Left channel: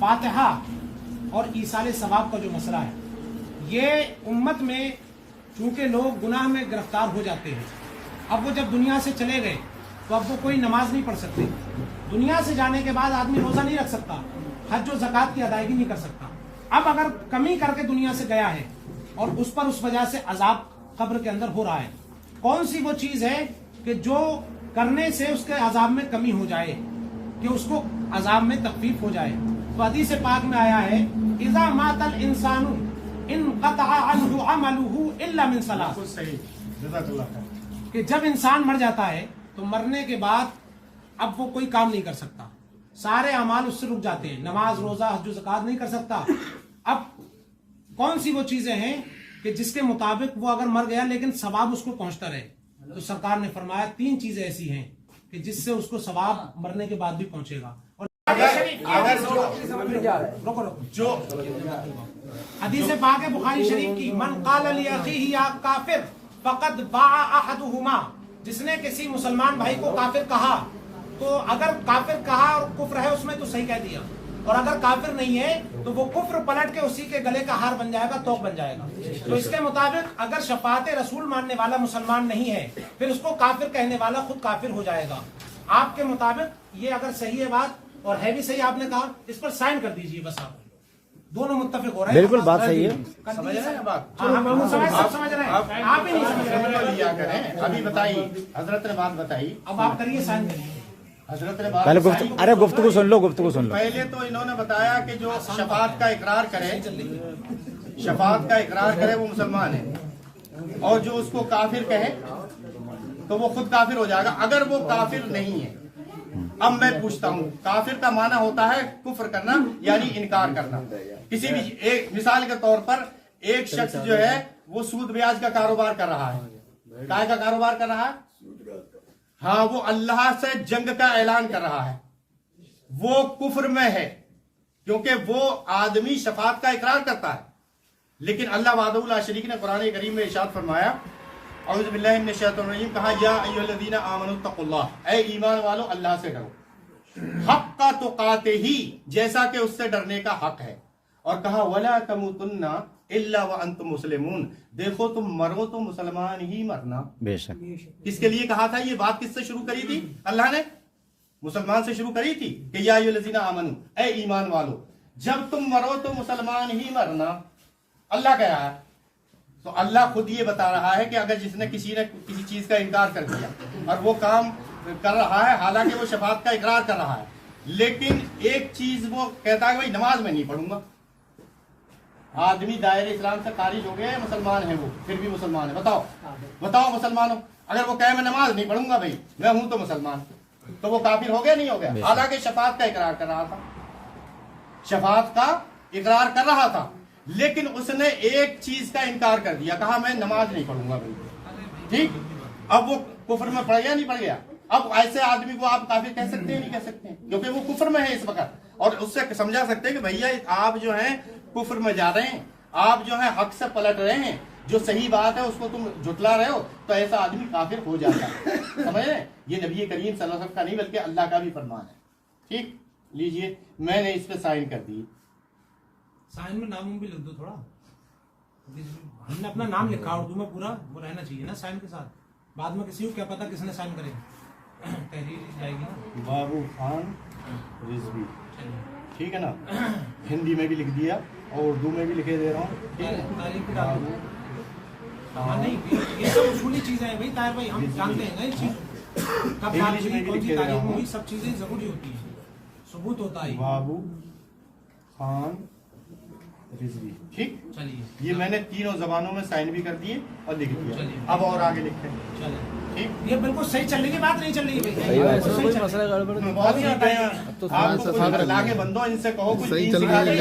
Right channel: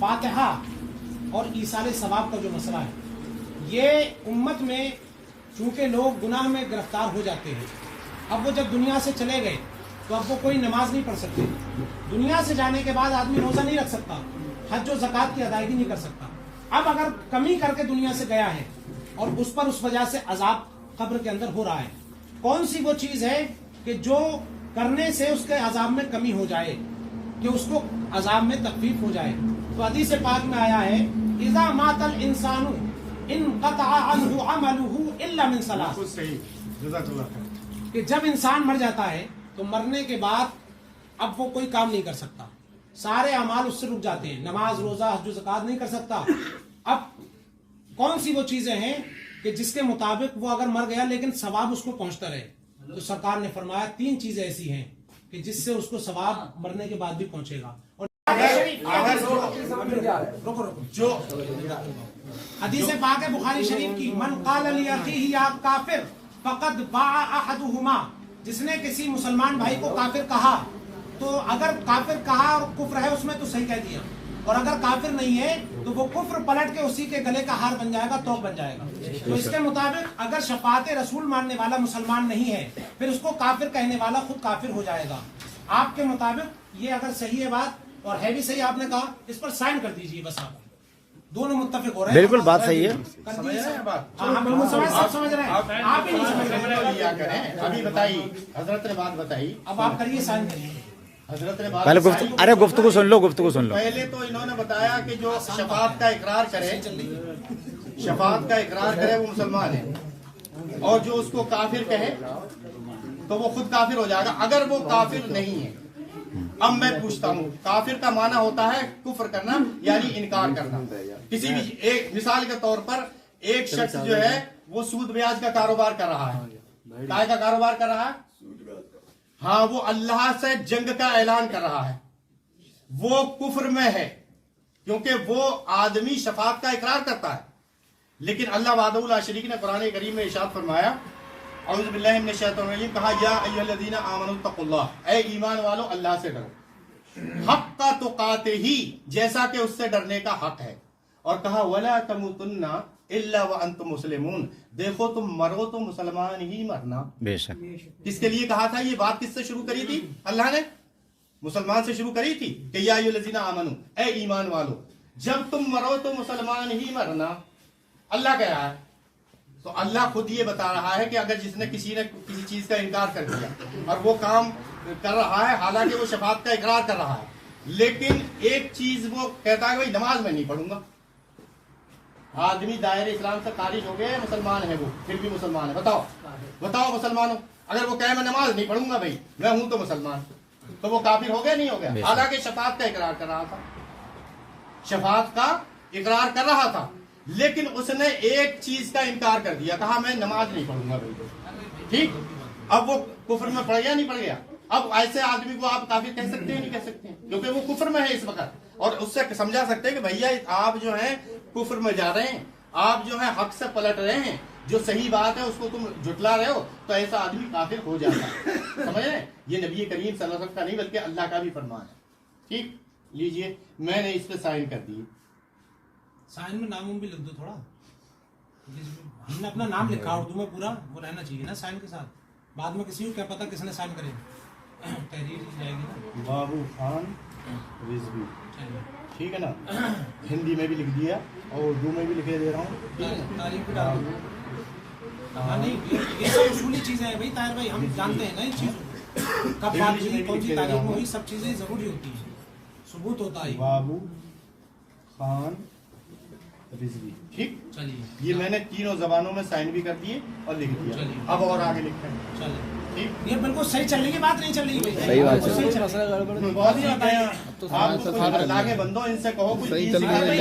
فاتحہ اور ایصال ثواب کا جو مسئلہ ہے، یہ امت میں چونکہ لوگ گناہ میں گرفتار ہو جاتے ہیں، اب وہ جب دنیا سے چلے گئے تو اب وہ کوئی نماز نہیں پڑھ سکتے. دنیا سے جانے کے بعد آدمی روزہ نہیں رکھ سکتا، حج و زکوٰۃ کی ادائیگی نہیں کر سکتا. اب اگر کمی کر کے دنیا سے گیا ہے اور اس پر اس وجہ سے عذاب قبر کے اندر ہو رہا ہے، کون سی وہ چیز ہے کہ جو کرنے سے اس کے عذاب میں کمی ہو جائے، کہ اس کو عذاب میں تخفیف ہو جائے؟ تو حدیث پاک میں آیا ہے اذا مات الانسان انقطع عنہ عملہ الا من ثلاث، کہ جب انسان مر جاتا ہے تو مرنے کے بعد اب وہ کوئی کام نہیں کر سکتا، سارے اعمال اس سے رک جاتے ہیں، نماز روزہ حج و زکوٰۃ نہیں کر سکتا. اب کون سی وہ چیزیں ہیں کہ جس کے مطابق وہ اگر مر گیا لیکن ثواب اس کو پہنچتا رہے؟ تو سرکار نے فرمایا 3 چیزیں ایسی ہیں کہ جس سے اس کو ثواب مرنے کے بعد بھی پہنچے گا. اور جو حدیث پاک ہے بخاری شریف کی، من قال لاخیہ یا کافر فقد باع احدہما، جس نے کسی مسلمان بھائی کو کافر کہا تو اگر کافر کہا اور کفر ہے اس میں تو صحیح کہہ دیا، اور اگر کافر نہیں ہے تو وہ کفر پلٹ کے اسی کے گلے کا ہار بن جائے گا، توق بن جائے گا. تو اس کے مطابق اگر شفاعت رسول ماننے والا مسلمان نہیں ہے پھر اس کو کافر کہنے والا خود کافر ہو جائے گا. آپ کے مطابق یہ اگر صحیح ہے بات اور ہے بھی صحیح، آپ نے کہا اس پر سائن کر دیجئے، بس آپ دونوں متفق ہو رہے ہیں. بالکل بات صحیح ہے. ہاں بالکل سمجھ رہے ہیں، آپ ہی نہیں سمجھ رہے. ابھی بتائیے، حضرت نے بات بتائی، اب آپ کریے، سائن کریے. حضرت نے بات پہلے گفتگو سن لو. پہلے تو انہوں نے بتایا کہ جو شفاعت کا اقرار کرے، شفاعت کا اقرار کرے وہ مسلمان ہے، اور جو اس کو کافر کہے تو وہ خود کافر ہو جائے گا اگر وہ کافر نہیں ہے. اب میں پوچھتا ہوں، کافر کا معنی ہوتا ہے کفر کرنا، یعنی انکار کرنا. کسی بھی ایک مثال کے طور پر ایک شخص جو ہے وہ سود بیاج کا کاروبار کر رہا ہے. کائے کا کاروبار کر رہا ہے؟ ہاں، وہ اللہ سے جنگ کا اعلان کر رہا ہے، وہ کفر میں ہے، کیونکہ وہ آدمی شفاعت کا اقرار کرتا ہے. لیکن اللہ وحدہ لا شریک نے قرآن کریم میں ارشاد فرمایا، اعوذ باللہ من الشیطان الرجیم، کہا یا ایھا الذین آمنوا اتقوا اللہ، اے ایمان والو اللہ سے ڈرو، حق تقاتہ، جیسا کہ اس سے ڈرنے کا حق ہے. اور کہا ولا تموتن الا وانتم مسلمون، دیکھو تم مرو تو مسلمان ہی مرنا. بے شک. کس کے لیے کہا تھا؟ یہ بات کس سے شروع کری تھی؟ اللہ نے مسلمان سے شروع کری تھی کہ یا ایھا الذین آمنوا، اے ایمان والو جب تم مرو تو مسلمان ہی مرنا. اللہ کہہ رہا ہے، تو اللہ خود یہ بتا رہا ہے کہ اگر جس نے کسی چیز کا انکار کر دیا اور وہ کام کر رہا ہے، حالانکہ وہ شفاعت کا اقرار کر رہا ہے، لیکن ایک چیز وہ کہتا ہے کہ بھائی نماز میں نہیں پڑھوں گا. آدمی دائرے اسلام سے خارج ہو گئے، مسلمان ہے وہ، پھر بھی مسلمان ہے. بتاؤ مسلمانوں، اگر وہ کہے میں نماز نہیں پڑھوں گا، بھائی میں ہوں تو مسلمان، تو وہ کافر ہو گیا نہیں ہو گیا؟ حالانکہ شفاعت کا اقرار کر رہا تھا، شفاعت کا اقرار کر رہا تھا، لیکن اس نے ایک چیز کا انکار کر دیا، کہا میں نماز نہیں پڑھوں گا. بھائی ٹھیک، اب وہ کفر میں پڑ گیا نہیں پڑ گیا؟ اب ایسے آدمی کو آپ کافر کہہ سکتے ہیں نہیں کہہ سکتے ہیں؟ کیونکہ وہ کفر میں ہے اس وقت، اور اس سے سمجھا سکتے ہیں کہ بھیا آپ جو ہیں کفر میں جا رہے ہیں، آپ جو ہے حق سے پلٹ رہے ہیں، جو صحیح بات ہے اس کو تم جھٹلا رہے ہو، تو ایسا آدمی کافر ہو جاتا ہے. سمجھ رہے ہیں؟ یہ نبی کریم صلی اللہ علیہ وسلم کا نہیں بلکہ اللہ کا بھی فرمان ہے. ٹھیک، لیجئے میں نے اس پہ سائن کر دی. سائن میں نام بھی لکھ دو تھوڑا، ہم نے اپنا نام لکھا اردو میں پورا، وہ رہنا چاہیے نا سائن کے ساتھ. بعد میں کسی کو کیا پتا کس نے سائن کرے، تحریر جائے گی نا. بابو خان رضوی، ٹھیک ہے نا؟ ہندی میں بھی لکھ دیا اور اردو میں بھی لکھے دے رہا ہوں. ٹھیک ہے، یہ سب اصولی چیزیں ہیں بھائی. طاہر بھائی ہم جانتے ہیں نا یہ چیزوں کب بات ہوئی، کون سی تاریخ میں ہوئی، سب چیزیں ضروری ہوتی ہیں، ثبوت ہوتا ہے. بابو خان رضوی، ٹھیک. چلیے، یہ میں نے تینوں زبانوں میں سائن بھی کر دیے اور لکھ دیا. اب اور آگے لکھیں. چلیے ٹھیک، یہ بالکل صحیح چلنے کی بات نہیں چل رہی. صحیح بات ہے. صحیح چل رہا ہے. بہت ہی آپ کو اللہ کے بندوں ان سے کہو کچھ دین سکھا دیں.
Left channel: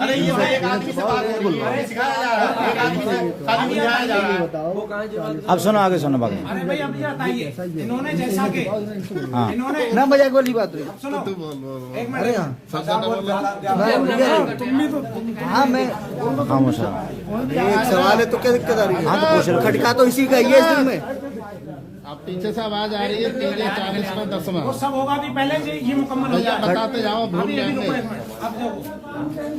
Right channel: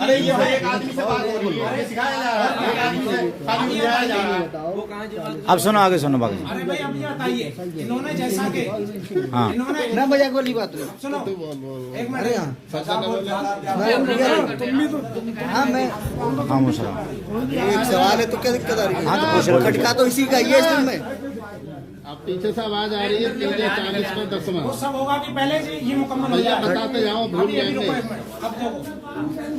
ارے یہ ایک آدمی سے بات ہو رہی ہے، سکھایا جا رہا ہے. اب سنو، آگے سنو باقی. ارے بھائی اب یہ بتائیے، انہوں نے جیسا کہ ہاں انہوں نے نہ مذاق والی بات ہے. سنو ایک منٹ، ہاں میں ہاں مسلم، ایک سوال ہے تو کیا دقت آ رہی ہے؟ ہاں تو پوچھ رہے کھٹکا تو اسی کا یہ ہے، میں पीछे से आवाज आ रही है 340 में 10 में वो सब होगा अभी, पहले ये मुकम्मल हो जाए। बताते जाओ, भूल अभी जाएंगे। रुको एक मिनट, अब देखो,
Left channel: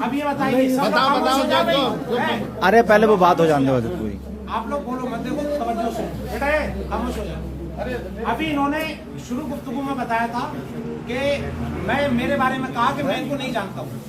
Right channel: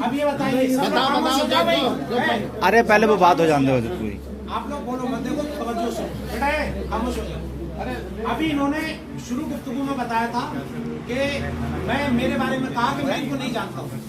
अब ये बताइए, सब लोग खामोश हो जाओ भाई। हैं? अरे पहले वो बात हो जाने दो पूरी। आप लोग बोलो मत, देखो तवज्जो से बेटा, ये खामोश हो जाओ। अभी इन्होंने शुरू गुफ्तगू में बताया था कि मैं, मेरे बारे में कहा कि मैं इनको नहीं जानता हूँ,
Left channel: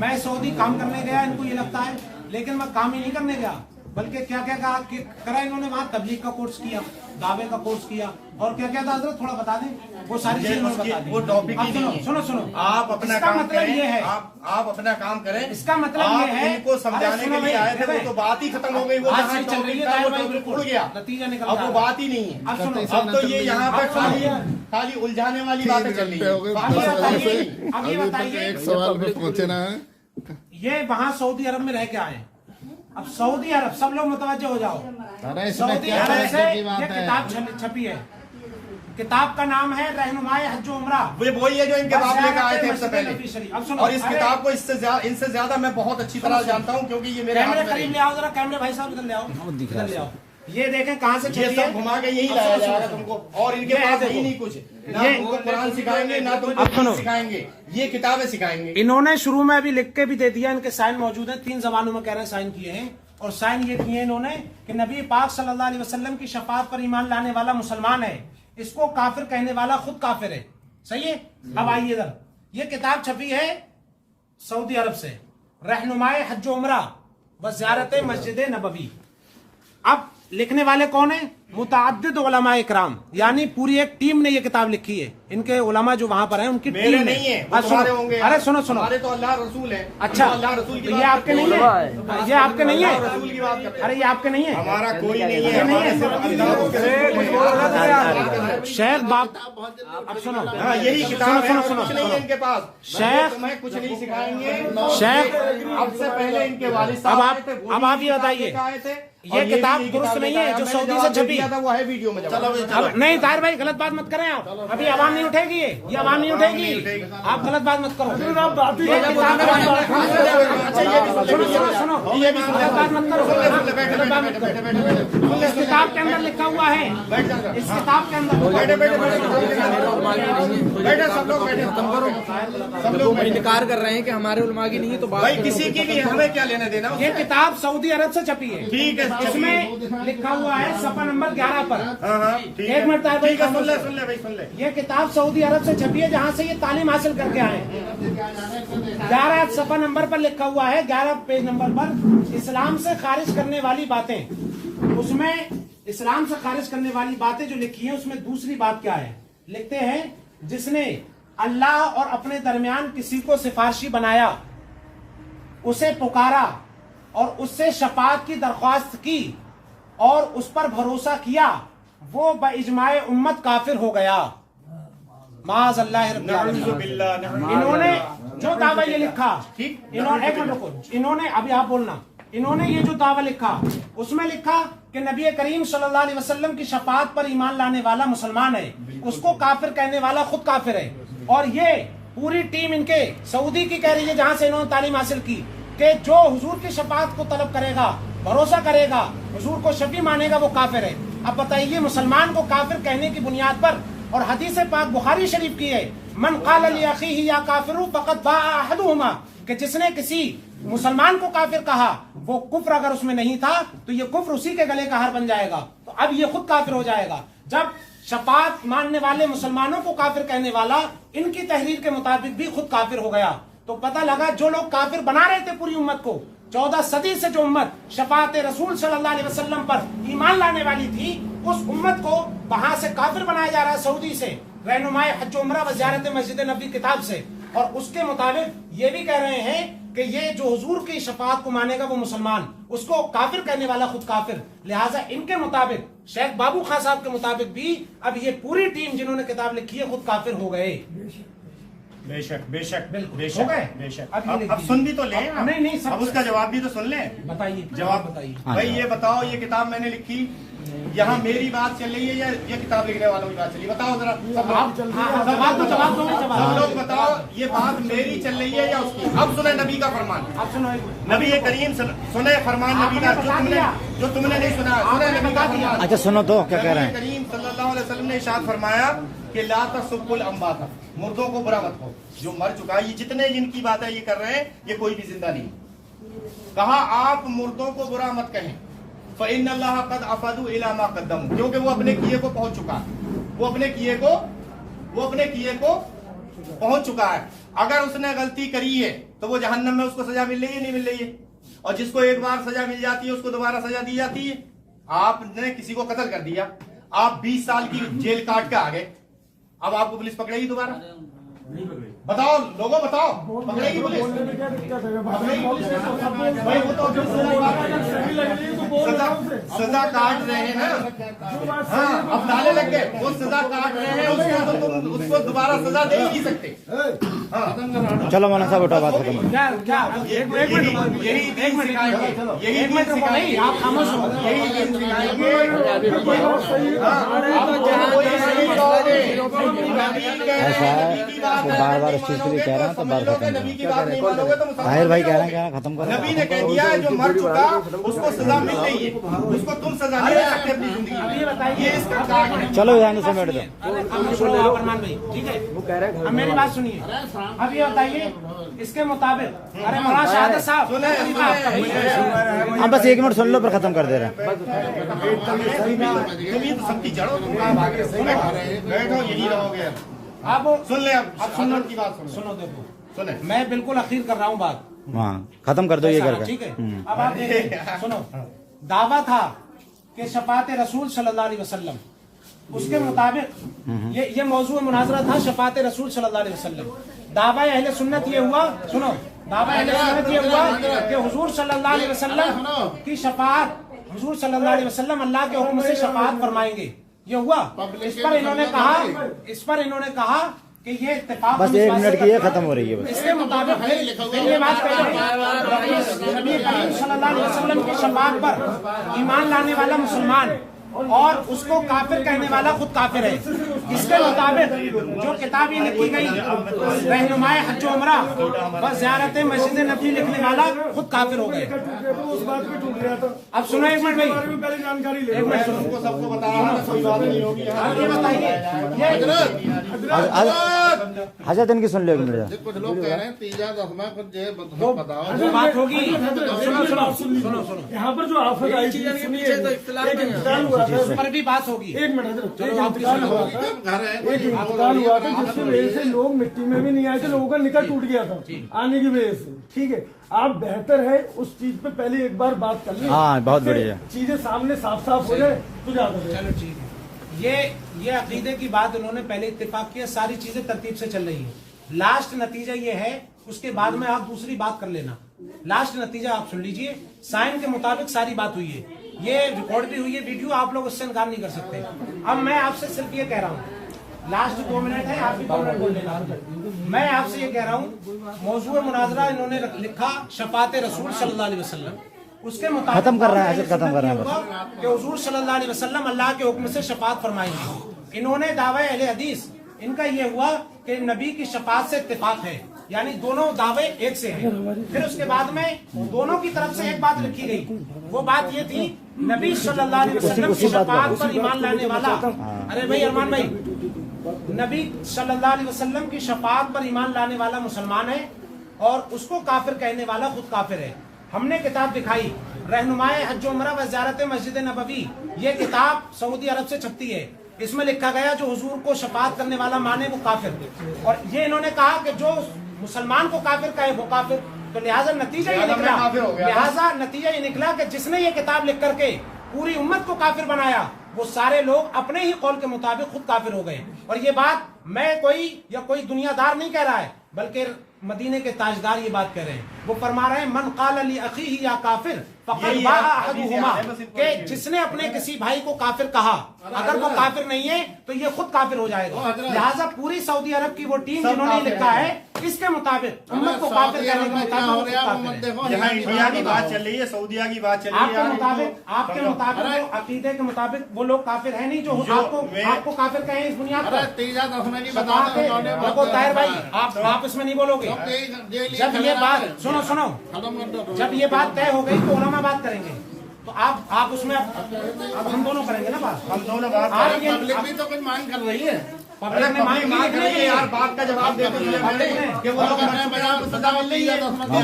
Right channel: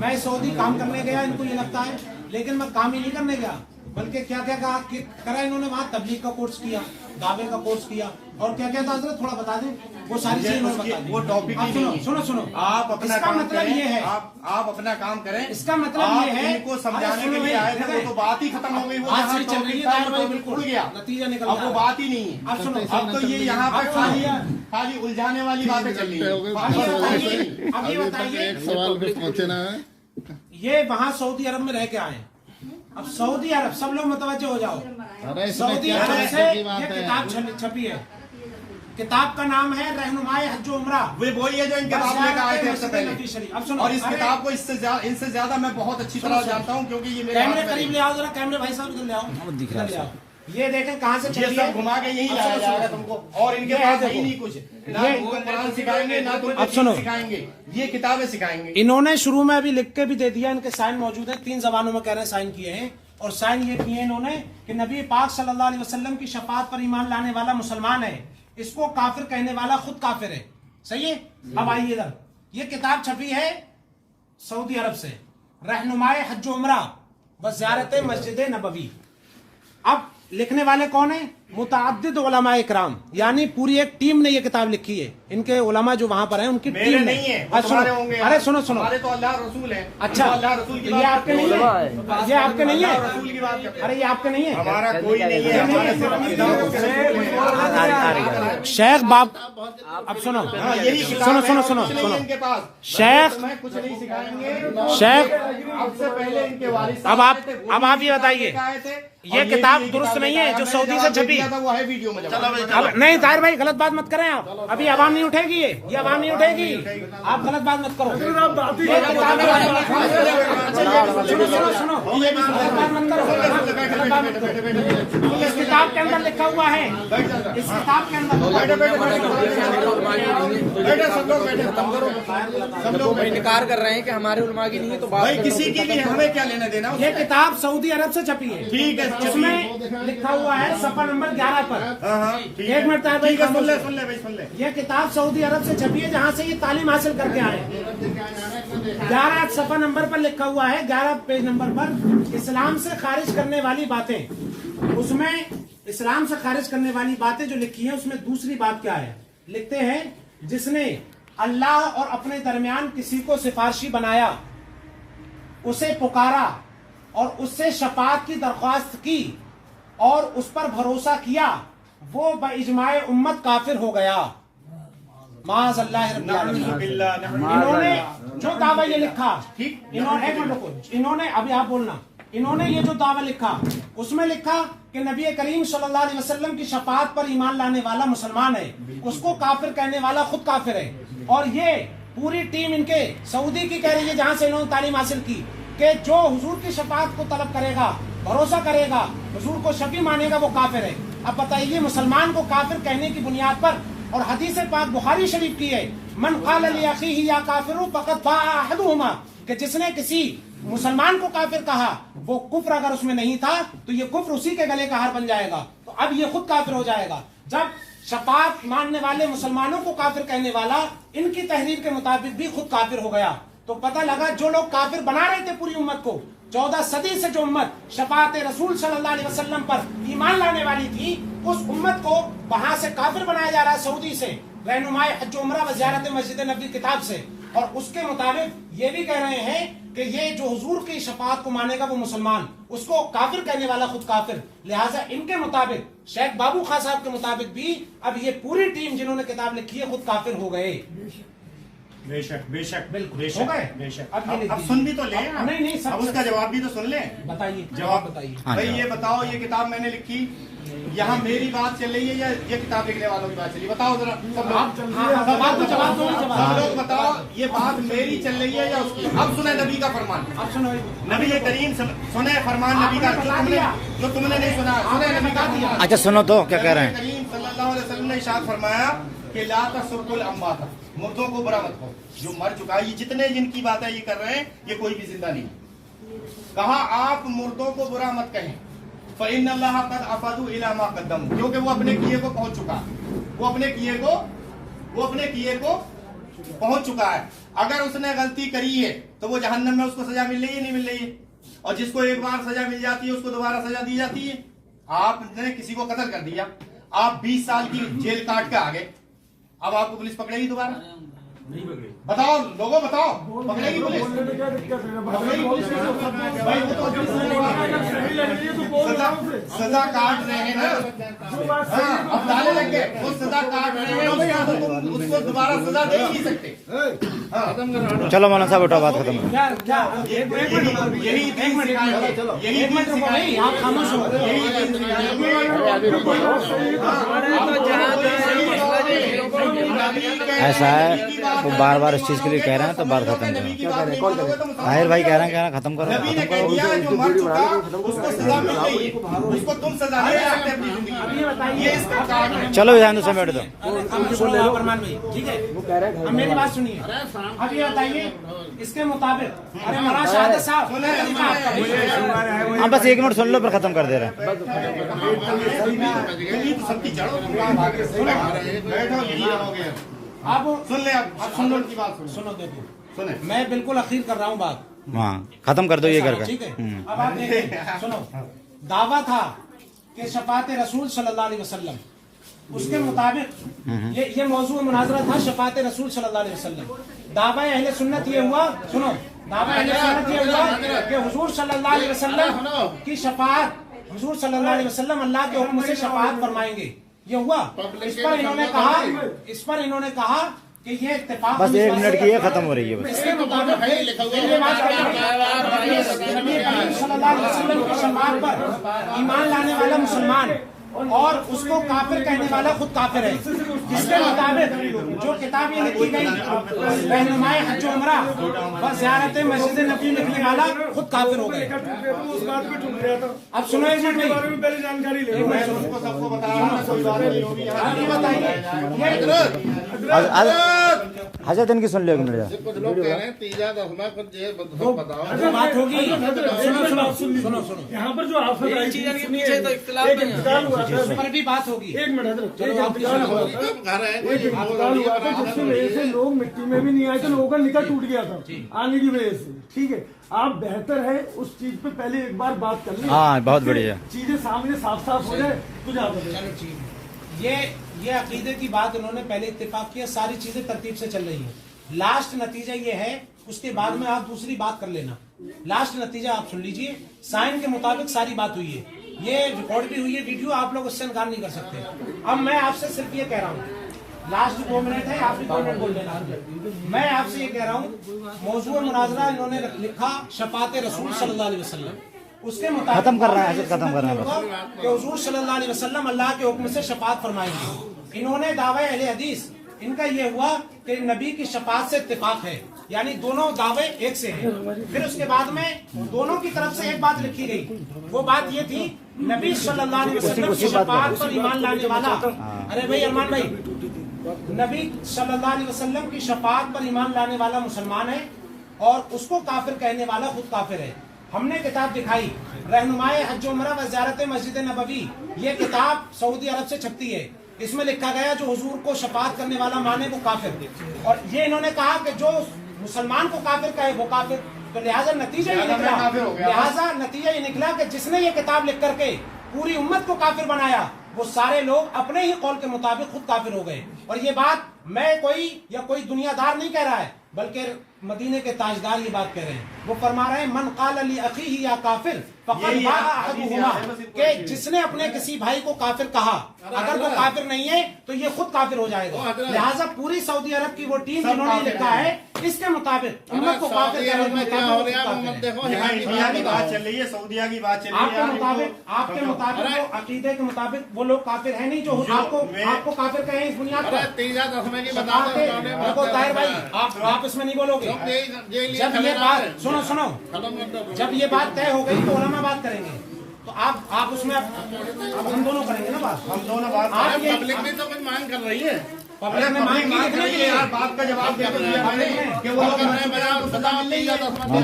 मैं सऊदी काम करने गया, इनको ये लगता है, लेकिन मैं काम ही नहीं करने गया, बल्कि क्या क्या कहा कि करा इन्होंने, वहाँ तबलीग का कोर्स किया, दावे का कोर्स किया, और क्या क्या था हजरत थोड़ा बता दें, वो सारी चीजें उन्होंने बता दी। वो टॉपिक अब सुनो सुनो सुनो, आप अपना इसका काम मतलब करें, ये है, आप अपना काम करें। इसका मतलब ये है, इनको समझाने के लिए आए थे, वो तो बात ही खत्म हो गई, वो बात जहाँ सही चल रही टॉपिक था, है, वो भाई, टॉपिक उड़ गया, नतीजा निकल अब रहा वो है। बात ही नहीं है। अब सुनो, अब तो ये यहाँ पे खाली उलझाने वाली बातें चल रही है। अब ये बताइए, एक सवाल कुछ पहुंचे ना है। ये वहाँ सऊदी अरब में रह के आए, अब सऊदी अरब, सब लोग मुतवज्जो हो जाओ, अरे इसमें सऊदी क्या अरब से है की ये बात है। किताब छपी है, किताब का नाम है रहनुमाए हज व उम्रा। वे वही है जो इनके बाप लेकर आए थे सबसे पहले। अब सुनो, और इस अरे, किताब को इनसे ज्यादा मैं बहुत अच्छी तरह जानता हूँ, क्योंकि ये मेरे कैमरे हाथ में करीब है। ले आओ जरा, कैमरे भाई साहब इधर ले आओ, वो दिख रहा है इधर ले आओ। ये देखें कहाँ से ये छपी सब है, घुमा के यही अब लाया सुनो, जाएगा सुनो। तुमको, और इनके ये है, पास देखो। नहीं कुछ, ना ये- तुमको कुरान सिखाएंगे, ना तुमको अब सुनो। दीन सिखाएंगे, ये किताबें सिखाएंगे। इन्होंने शुरू में अभी लिख के भी दे दिया, इनके साइन मौजूद है, 3 जबानों में कह रहे हैं साइन किए हैं, और साइन ये किए इन्होंने कि नबी पाक सल्लल्लाहु अलैहि वसल्लम की शफाअत पर ईमान लाने वाला मुसलमान है, इसको काफिर कहने वाला खुद काफिर है। सही है। अब आइए इधर, ये किताब छपी है सऊदी अरब से, रहनुमाए हज व उम्रा व ज़ियारत मस्जिद नबवी। अब लिखने वाले कौन है? मुतअद्दिद उलमा इकराम, यानी पूरी एक टीम ने ये किताब लिखी है, इनके उलमा जो वहां पर हैं उनकी मेरे टीम नहीं है, है। वो तुम्हारे होंगे। अरे सुनो सुनो, हमारे तो अल्लाह रसूल है। अच्छा, तो अल्लाह रसूल की ये बात आपके नहीं है, ये आपके नहीं अल्लाह है, रसूल की बात करते हैं। अरे ये आपके नहीं है, हमारा कोई नहीं है, ये नहीं हमारे सिर्फ आ रही शेख बाप। अब सुनो, हाँ, यही किताब है, और सुनो, कुछ नहीं है इनके पास। शेख- मैं कुछ नहीं सिखाएंगे शेख, अब से पहले इनके वालिद साहब अब आप- आए थे, वो अब भी आप ये किताब बताइए, लेकर आए थे, ये और किताब भी दुरुस्त नहीं है, लेकर आया। जो मैंने सऊदी से जवाब दे छपी। दिया था, वो है वीडियो में जवाब। अब नहीं तार भाई, गलत बात मत करें आप, अभी आवाम नहीं उठेगी, ये आवाम नहीं उठेगी, आप गलत बात मत करो। ये किताब है, अच्छा ये भी सुनो, ये भी गलत बात मत करो। बैठे बैठे बैठे बैठे बैठे इस किताब के अंदर लिखा हुआ है, इस किताब के अंदर बैठे बैठे बैठे सब लोग बैठे, सब लोग बैठे। इनकार कर रहे हैं कि हमारे उलमा की नहीं है तो बात भाई किसी की भी हमें क्या लेना देना ये किताब सऊदी अरब से छपी है, ठीक है, इसमें लिखा हुआ है सफा नंबर 11 पर। हाँ ठीक एक मिनट है, भाई, ठीक है, सुन ले भाई, सुन ले। ये किताब सऊदी अरब से छपी है, जहाँ से ये तालीम हासिल करके आए। 11 सफा नंबर पर लिखा हुआ है, 11 पेज नंबर पर, इस्लाम से खारिज करने वाली बातें। उसमें इस्लाम से खारिज करने वाली बातें जो लिखी है, उसमें दूसरी बात क्या है? लिखते हैं, जिसने अल्लाह और अपने दरमियान किसी को सिफारशी बनाया, उसे पुकारा और उससे शफाअत की दरख्वास्त की और उस पर भरोसा किया, वो बइजमाए उम्मत काफिर हो गया। माज़ अल्लाह रब्बिल आलमीन। इन्होंने जो दावा ये लिखा, इन्होंने, एक मिनट रुको, इन्होंने, अभी आप बोलना, इन्होंने ये जो दावा लिखा, उसमें लिखा कि नबी करीम सल्लल्लाहु अलैहि वसल्लम की शफाअत पर ईमान लाने वाला मुसलमान है, उसको काफिर कहने वाला खुद काफिर है। और ये पूरी टीम इनके सऊदी की कह रही है, जहां से इन्होंने तालीम हासिल की, कि जो हुजूर की शफाअत को तलब करेगा, भरोसा करेगा, हुजूर को शफी मानेगा, वो काफिर है। अब बताइए, मुसलमान को काफिर कहने की बुनियाद पर, और हदीस पाक बुखारी शरीफ की है, मन क़ाल लि अख़ीही या काफिरु फ़क़द बाअ अहदुहुमा, कि जिसने किसी मुसलमान को काफिर कहा, वो कुफ्र अगर उसमें नहीं था तो ये कुफ्र उसी के गले का हार बन जाएगा, तो अब ये खुद काफिर हो जाएगा। जब शफाअत मानने वाले मुसलमानों को काफिर कहने वाला इनकी तहरीर के मुताबिक भी खुद काफिर हो गया, तो पता लगा जो लोग काफिर बना रहे थे पूरी उम्मत को, 14 सदी से जो उम्मत शफाअत रसूल सल्लल्लाहु अलैहि वसल्लम पर ईमान लाने वाली थी, उस उम्मत को वहां से काफिर बनाया जा रहा है सऊदी से, रहनुमाए हज उम्रा व ज़ियारत मस्जिद नबी किताब से। और उसके मुताबिक ये भी कह रहे हैं कि ये जो हुजूर की शफाअत को मानेगा वो मुसलमान, उसको काफिर कहने वाला खुद काफिर। लिहाजा इनके मुताबिक, शेख बाबू खां साहब के मुताबिक भी अब ये पूरी टीम जिन्होंने किताब लिखी है खुद काफिर हो गए। बेशक बेशक बिल्कुल बेशक हो गए। बेशक। अब ये लिख अब दीजिए। सुन भी तो ले, अब नहीं, सब अब उसका जवाब भी तो सुन ले। बताइए, जवाब बताइए। हाँ, भाई जवाब। ये बताओ, ये किताब मैंने लिखी, यहाँ मेरी बात चल रही है या ये किताब लिखने वालों की बात चल रही है? बताओ जरा सब बात को जवाब दो, सब लोग बताओ, ये बात मेरी चल रही है या उसकी? अब सुने नबी का फरमान, अब सुनो, नबी करीम सुने फरमान नबी का, जो तुमने नहीं सुना, सुने नबी का फरमान। अच्छा सुनो तो क्या कह रहे हैं। करीम सल्लल्लाहु अलैहि वसल्लम ने इरशाद फरमाया कि ला तसुब्बुल अम्वात, मुर्दों को बुरा मत कहो, जो मर चुका है। ये जितने जिनकी बातें ये कर रहे हैं, ये कोई भी जिंदा नहीं। कहा आप मुर्दों को बुरा मत कहें, फ़इन्नल्लाह क़द अफ़दू इला मा क़द्दमू, क्योंकि वो अपने किए को पहुंच चुका है, वो अपने किए को पहुंच चुका है। अगर उसने गलती करी है तो वो जहन्नम में उसको सजा मिल रही है, नहीं मिल रही है? और जिसको एक बार सजा मिल जाती है उसको दोबारा सजा दी जाती है। आपने किसी को कत्ल कर दिया, आप 20 साल की जेल काट के आ गए, अब आपको पुलिस पकड़ेगी दोबारा? बताओ लोगों, बताओ, पकड़ेगी पुलिस? पकड़ेगी पुलिस? भाई वो तो सजा काट रहे हैं ना, हाँ, अब ताले लग गए, वो सजा काट रहे हैं, उसको तो तुम उसको दोबारा सजा दे ही नहीं सकते। हाँ, चलो मौलाना साहब उठा, बात खत्म। यही दिन सिखाएंगे, यही दिन सिखाएंगे, आप खामोश हो, यही दिन सिखाएंगे। ऐसा है, वो बार बार इस चीज के लिए कह रहे हैं तो बात खत्म करो। ताहिर भाई कह रहे हैं खत्म करो। नबी ने कह दिया है जो मर चुका उसको सजा मिल रही है, उसको तुम सजा नहीं दे सकते अपनी जिंदगी। ये इस्तेकाट है। चलो यहाँ से बैठ दो। ठीक है, अब मेरी बात सुनिए। अब ये बताइए इसके मुताबिक, अरे मौलाना शहादत साहब, हाँ बस 1 मिनट सुन लो पर खत्म कर दे रहे हैं। सबकी जड़ों बैठो, यही रहोगे। आप सुन ले, अब सुनो की बात सुनो, देखो सुने, मैं बिल्कुल अखीर कर रहा हूँ बात, हाँ खत्म कर दो ये करके। ठीक है, अब आप देखिए, सुनो, दावा था कि शफात रसूल सल्लल्लाहु अलैहि वसल्लम, उसके मुताबिक ये मौजू मुनाजरा था शफात रसूल सल्लल्लाहु अलैहि वसल्लम। दावा अहले सुन्नत ये हुआ, सुनो, दावा अहले सुन्नत ये हुआ कि हुजूर सल्लल्लाहु अलैहि वसल्लम की शफात, हुजूर सल्लल्लाहु अलैहि वसल्लम अल्लाह के हुक्म से शफात फरमाएंगे, ये हुआ। इस पर इन्होंने कहा कि ये इत्तेफाक, बस 1 मिनट की ये खत्म हो रही है बस। इसके मुताबिक ये बात कही नबी करीम सल्लल्लाहु अलैहि वसल्लम की शफात पर ईमान लाने वाला मुसलमान और उसको काफिर कहने वाला खुद काफिर है। इसके मुताबिक जो किताब ये लिखी गई रहनुमाए हज उमरा व ज़ियारत मस्जिद नबी लिखने वाला खुद काफिर हो गए। अब सुनो 1 मिनट भाई, 1 मिनट सुनो, सबको बताया कोई बात नहीं होगी। हजरत इनकी सुन लो 1 मिनट। कुछ लोग कह रहे हैं तीजा दसवां कुछ जो बताओ बात होगी। सुनो, यहाँ पर जो आफत आई थी, उस पर भी बात होगी। एक मिनट, चलो आपकी सुनो होगी। घर है आपदान हुआ था जिसकी वजह से लोग मिट्टी में भी नहीं आए थे, लोगों का निकाह टूट गया था आने की वजह से। ठीक है, आप बेहतर है उस चीज पे पहले एक बार बात कर ली। हाँ बहुत बढ़िया, चीजें सामने साफ साफ हो जाए तो ज्यादा है। चलो ठीक है, ये अकीदे की बात उन्होंने पहले इत्तेफाक किया, सारी चीजें तरतीब से चल रही है। लास्ट नतीजा ये है, उसके बाद में आप दूसरी बात कर लेना। लास्ट नतीजा आप सुन लीजिए, साइन के मुताबिक सारी बात हुई है, ये रिकॉर्ड भी हुई है, वीडियो, आप लोग उससे इनकार नहीं कर सकते। अब मैं आपसे सिर्फ ये कह रहा हूँ, लास्ट 2 मिनट है, आप भी 2 मिनट बोल लेना। मैं आपसे ये कह रहा हूँ, मौजूद मुनाजरा इन्होंने लिखा शफात रसूल सल्लल्लाहु अलैहि वसल्लम, उसके मुताबिक खत्म कर रहे हैं, खत्म कर रहे हैं कि हुजूर सल्लल्लाहु अलैहि वसल्लम अल्लाह के हुक्म से शफात फरमाएंगे। इन्होंने दावा अहले हदीस, इनका ये हुआ कि नबी की शफात से इत्तेफाक है, यानी दोनों दावे एक से हैं। फिर उसके बाद में दोनों की तरफ से एक बात लिखी गई, वो बात ये थी नबी सल्लल्लाहु अलैहि वसल्लम की शफात पर ईमान लाने वाला, अरे भाई अरमान भाई, नबी सल्लल्लाहु अलैहि वसल्लम की शफात पर ईमान लाने वाला मुसलमान है और उसको काफिर कहने वाला खुद काफिर है। हमने किताब दिखाई रहनुमाए हज उमरा व ज़ियारत मस्जिद नबवी, ये किताब सऊदी अरब से छपती है, इसमें लिखा गया जो हुजूर को शफात करने वाला माने वो काफिर। और ये इन्होंने कहा कि जो मुसलमान को काफिर कहे वो काफिर, तो लिहाजा नतीजा ये निकला कि जिसने ये किताब लिख करके पूरी उम्मत को काफिर बनाया, वो सारे लोग अपने ही कौल के मुताबिक खुद काफिर हो गए। और ये बात मैं कोई दुनियादार नहीं कह रहा है, बल्कि मदीने के ताजदार ये बात कह रहे हैं। वो फरमा रहे हैं मन क़ाल ली अखीही या काफिर फ़क़द बाअ अहदुहुमा, कि जिसने अपने किसी भाई को काफिर कहा, अगर वो काफिर नहीं है तो ये खुद काफिर हो जाएगा। लिहाजा पूरी सऊदी अरब की वो टीम जिन्होंने लिखा है इसके मुताबिक उम्मत को काफिर कहने के मुताबिक वो काफिर है। यहाँ इंडिया की बात चल रही है, सऊदीया की बात चल रही है। आपके मुताबिक वो अकीदे के मुताबिक वो लोग काफिर है नहीं जो आपको काफिर कहें इस बुनियाद पर। तीजा दसवें की देखो ताहिर भाई, आप इसमें नहीं बोलोगे। जब ये बात सुनो, जब ये बात तय हो गई तो उलमा बात करेंगे, तो आप उसमें अब हम दोनों करेंगे ना बात। हम दोनों बात आप ये पब्लिक भी तो कुछ मांग कर रही है। अरे पब्लिक मांग रही है यार, बात का जवाब दे दिया मैंने कि वो सजा मिल रही है, खत्म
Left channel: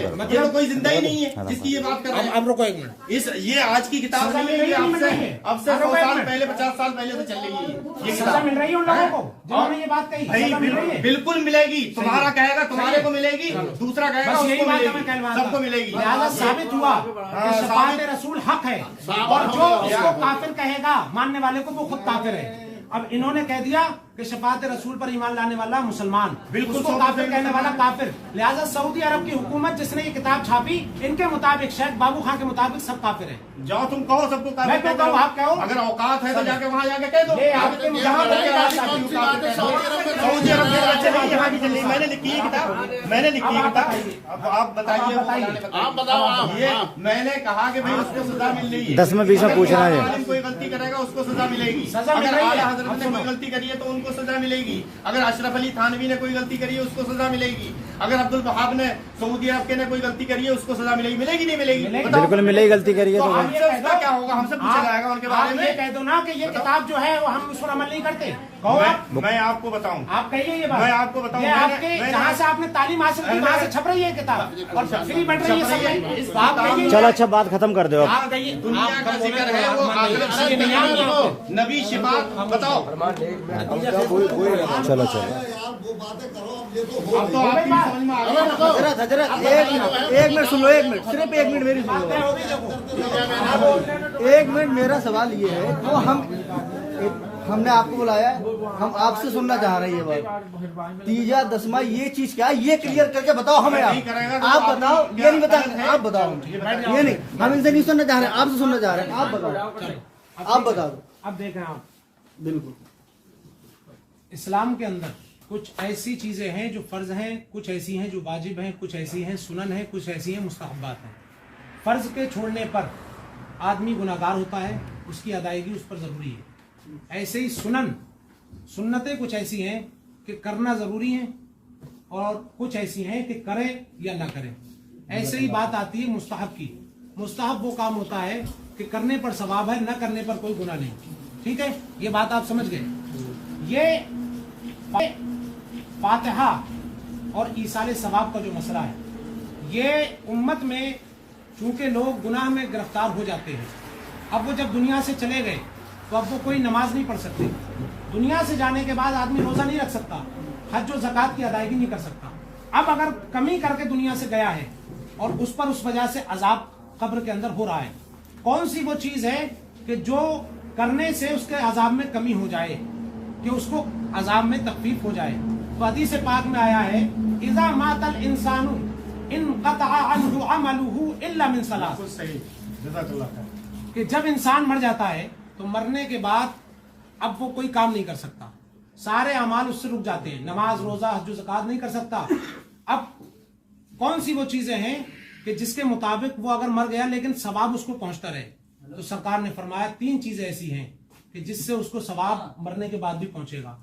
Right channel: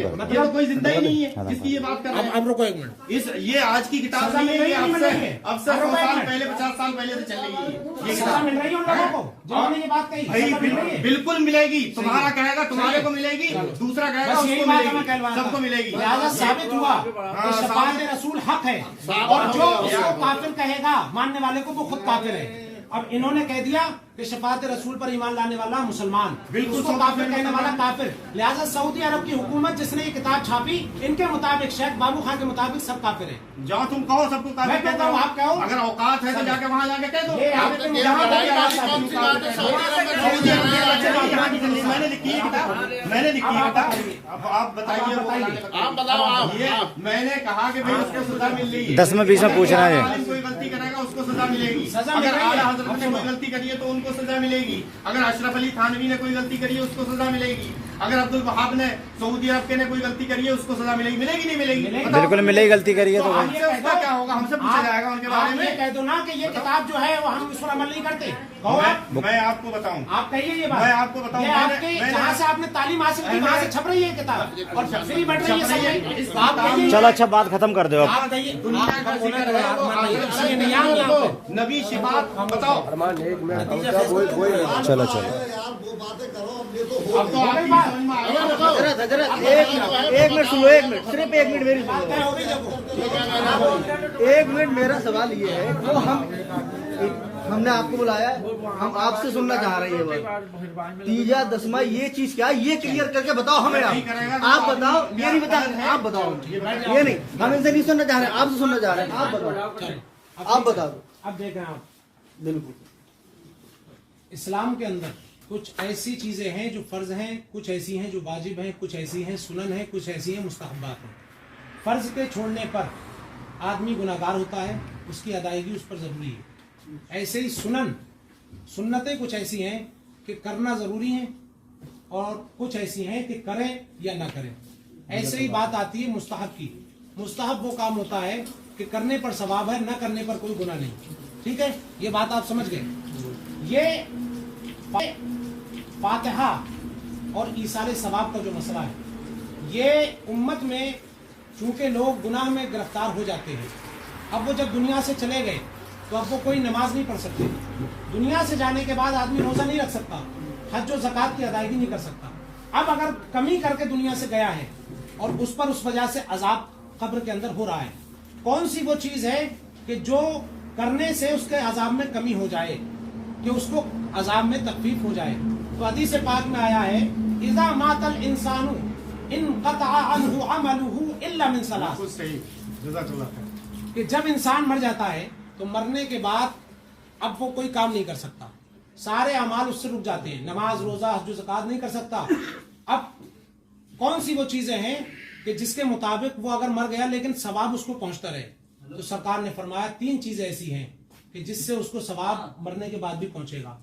करो। मतलब कोई जिंदा ही नहीं है जिसकी ये बात कर रहे हैं। अब रुको एक मिनट, इस ये आज की किताब नहीं है, अब से 100 साल पहले 50 साल पहले से चल रही है ये सजा किताब। मिल रही है उन लोगों को जिन्होंने ये बात कही, सजा मिल रही है। बिल्कुल मिलेगी, तुम्हारा कहेगा तुम्हारे को मिलेगी, दूसरा कहेगा बस यही उसको बात हमें मिलेगी, कहलवा सबको मिलेगी। लिहाजा साबित हुआ कि शफाअत रसूल हक है, और जो उसको काफिर कहेगा मानने वाले को वो खुद काफिर है। अब इन्होंने कह दिया कि शफाअत रसूल पर ईमान लाने वाला मुसलमान, बिल्कुल उसको काफिर कहने वाला काफिर। लिहाजा सऊदी अरब की हुकूमत जिसने ये किताब छापी, इनके मुताबिक शेख बाबू खान के मुताबिक सब काफिर है। जाओ तुम कहो सबको काफिर मैं कहता हूँ, आप कहो। अगर औकात है तो जाके वहाँ जाके कह दो। ये आपके मुताबिक सऊदी अरब के बच्चे नहीं यहाँ की चल, मैंने लिखी है किताब, मैंने लिखी है किताब। अब आप बताइए, ये मैंने कहा कि भाई उसको सजा मिल रही है। 10 में 20 में पूछना है। कोई गलती करेगा उसको सजा मिलेगी, सजा मिल अगर रही है। आला हजरत ने कोई गलती करी है तो उनको सजा मिलेगी, अगर अशरफ अली थानवी ने कोई गलती करी है उसको सजा मिलेगी, अगर अब्दुल वहाब ने सऊदी अरब के ने कोई गलती करी है उसको सजा मिलेगी, मिलेगी नहीं मिलेगी? बिल्कुल मिलेगी, गलती करिए तो तो भाई। आप ये कह दो, क्या होगा, हमसे पूछा जाएगा उनके बारे आप ये में। कह दो ना कि ये किताब जो है वो हम उस पर अमल नहीं करते। कहो आप, मैं आपको बताऊं, आप कहिए ये बात। मैं आपको बताऊं, ये मैंने- आपके मैंने- जहाँ से आपने तालीम हासिल की वहाँ से छप रही है किताब और फ्री बट रही है सब में। तो आप कहिए, चलो अच्छा, बात खत्म कर दो अब। आप कहिए, दुनिया का जिक्र है वो आखिरत से दुनिया में दो नबी शिफात बताओ। चलो अब तो आपकी समझ में आ गया। एक मिनट सुनो, एक मिनट, सिर्फ एक मिनट मेरी बात सुनो। तय हो गई देखो। एक मिनट, मेरा सवाल ये है, वो हमने आपको बुलाया है, हम आपसे सुनना चाह रहे हैं ये बात। तीजा दसवां ये चीज क्या है, ये क्लियर करके बताओ हमें। नहीं करेगा तो आप बताओ, ये नहीं बता, है। आप बताओ, ये नहीं, हम इनसे नहीं सुनना चाह रहे, आपसे सुनना चाह रहे हैं। आप बताओ, आप बताओ। अब देखें आप, बिल्कुल इस्लाम के अंदर कुछ ऐसी चीजें हैं जो फर्ज हैं, कुछ ऐसी हैं जो वाजिब हैं, कुछ ऐसी हैं सुनन हैं, कुछ ऐसी हैं मुस्तहब्बात हैं। फर्ज के छोड़ने पर आदमी गुनाहगार होता है, उसकी अदायगी उस पर जरूरी है। ऐसे ही सुन्नतें कुछ ऐसी हैं कि करना जरूरी है और कुछ ऐसी हैं कि करें या ना करें। ऐसे ही बात आती है मुस्तहब की। मुस्तहब वो काम होता है कि करने पर सवाब है, न करने पर कोई गुनाह नहीं। ठीक है, ये बात आप समझ गए। ये फातिहा और ईसाले सवाब का जो मसला है, ये उम्मत में चूंकि लोग गुनाह में गिरफ्तार हो जाते हैं, अब वो जब दुनिया से चले गए तो अब वो कोई नमाज नहीं पढ़ सकते। दुनिया से जाने के बाद आदमी रोजा नहीं रख सकता, हज और ज़कात की अदायगी नहीं कर सकता। अब अगर कमी करके दुनिया से गया है और उस पर उस वजह से अजाब कब्र के अंदर हो रहा है, कौन सी वो चीज है कि जो करने से उसके अजाब में कमी हो जाए, कि उसको अजाब में तकलीफ हो जाए? तो हदीस पाक में आया है, इज़ा मातल इंसानु इनक़ता अन्हु अमलुहु इल्ला मिन सलास, कि जब इंसान मर जाता है तो मरने के बाद अब वो कोई काम नहीं कर सकता, सारे अमाल उससे रुक जाते हैं, नमाज रोजा हज ज़कात नहीं कर सकता। अब कौन सी वो चीजें हैं कि जिसके मुताबिक वो अगर मर गया लेकिन सवाब उसको पहुंचता रहे? तो सरकार ने फरमाया 3 चीजें ऐसी हैं कि जिससे उसको सवाब मरने के बाद भी पहुंचेगा।